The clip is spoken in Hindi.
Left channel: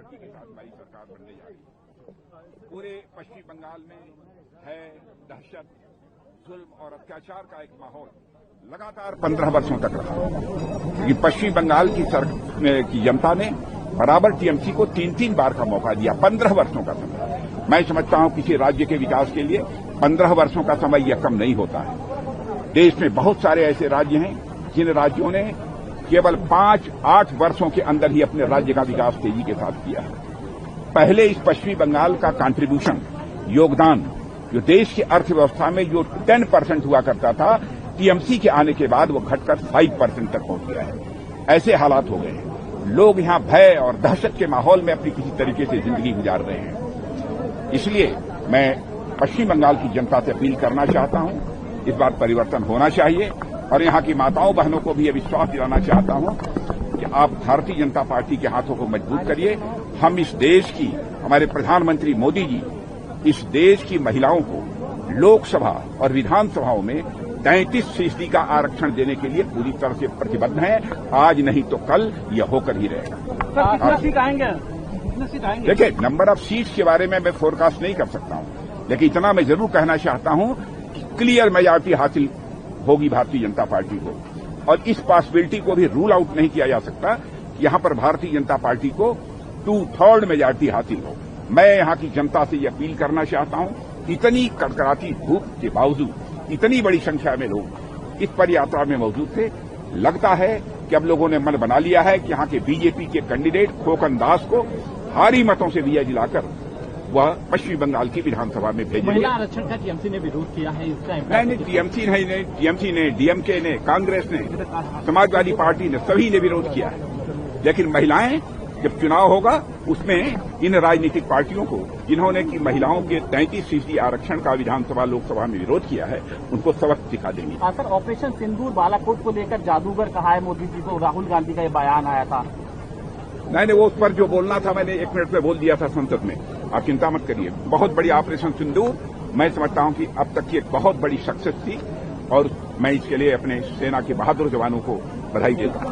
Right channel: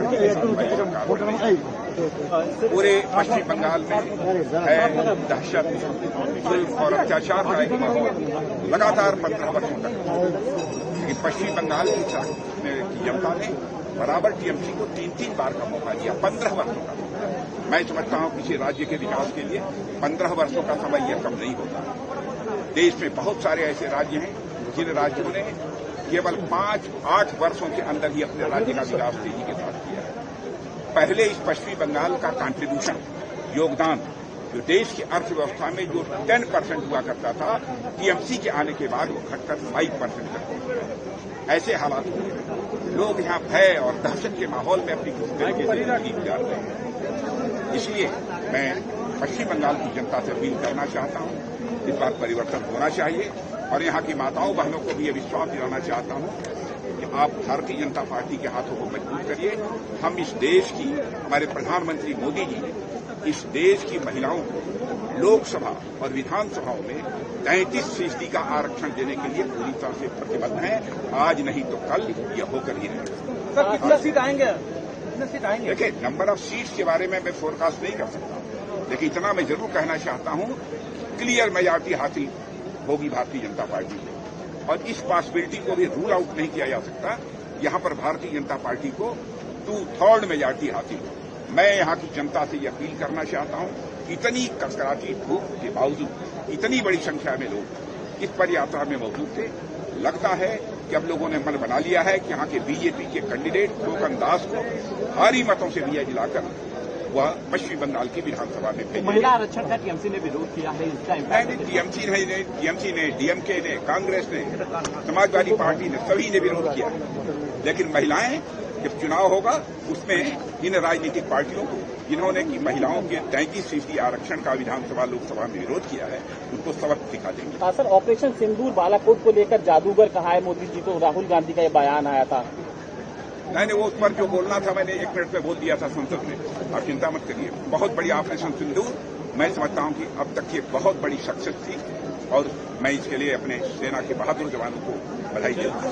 पार्टी के पूरे पश्चिम बंगाल में है दहशत, जुल्म और अत्याचार का एक माहौल लगातार 15 वर्षों तक रहा। कि पश्चिम बंगाल की जनता ने बराबर टीएमसी को 3-3 बार का मौका दिया, 15 वर्षों का समय। मैं समझता हूं किसी राज्य के विकास के लिए 15 वर्षों का समय यह कम नहीं होता है। देश में बहुत सारे ऐसे राज्य हैं जिन राज्यों ने केवल 5-8 वर्षों के अंदर ही अपने राज्य का विकास तेजी के साथ किया है। पहले इस पश्चिमी बंगाल का कंट्रीब्यूशन, योगदान, जो देश की अर्थव्यवस्था में जो 10% हुआ करता था, टीएमसी के आने के बाद वो घटकर 5% तक पहुंच गया है। ऐसे हालात हो गए। लोग यहां भय और दहशत के माहौल में अपनी किसी तरीके से जिंदगी गुजार रहे हैं। इसलिए मैं पश्चिम बंगाल की जनता से अपील करना चाहता हूं, इस बार परिवर्तन होना चाहिए और यहां की माताओं बहनों को भी यह विश्वास दिलाना चाहता हूं कि आप भारतीय जनता पार्टी के हाथों को मजबूत करिए। हम इस देश की, हमारे प्रधानमंत्री मोदी जी इस देश की महिलाओं को लोकसभा और विधानसभाओं में 33% का आरक्षण देने के लिए पूरी तरह से प्रतिबद्ध हैं। आज नहीं तो कल यह होकर ही रहेगा। सर, कितने सीट आएंगे? देखिए, नंबर ऑफ सीट्स के बारे में मैं फोरकास्ट नहीं कर सकता हूं, लेकिन इतना मैं जरूर कहना चाहता हूं कि क्लियर मेजॉरिटी हासिल होगी भारतीय जनता पार्टी को, और इस पॉसिबिलिटी को भी रूल आउट नहीं किया जा सकता। यहां पर भारतीय जनता पार्टी को 2/3 मेजॉरिटी हासिल हो। मैं यहां की जनता से यह अपील करना चाहता हूं, इतनी कड़कड़ाती धूप के बावजूद इतनी बड़ी संख्या में लोग इस पदयात्रा में मौजूद थे। लगता है कि अब लोगों ने मन बना लिया है कि यहां के बीजेपी के कैंडिडेट खोकन दास को भारी मतों से विजय दिलाकर वह पश्चिम बंगाल की विधानसभा में भेजेंगे। महिला आरक्षण का टीएमसी ने विरोध किया है, इसका नहीं, टीएमसी ने, डीएमके ने, कांग्रेस ने, समाजवादी पार्टी ने, सभी ने विरोध किया है। लेकिन महिलाएं, जब चुनाव होगा उसमें इन राजनीतिक पार्टियों को, जिन्होंने की महिलाओं के 33% आरक्षण का विधानसभा लोकसभा में विरोध किया है, उनको सबक सिखा देंगे। सर, ऑपरेशन सिंदूर बालाकोट को लेकर जादूगर कहा है मोदी जी को, राहुल गांधी का ये बयान आया था। मैंने वो उस पर जो बोलना था मैंने 1 मिनट में बोल दिया था संसद में। आप चिंता मत करिए, बहुत बड़ी ऑपरेशन सिंदूर मैं समझता हूं कि अब तक की एक बहुत बड़ी सक्सेस थी और मैं इसके लिए अपने सेना के बहादुर जवानों को बधाई देता हूं।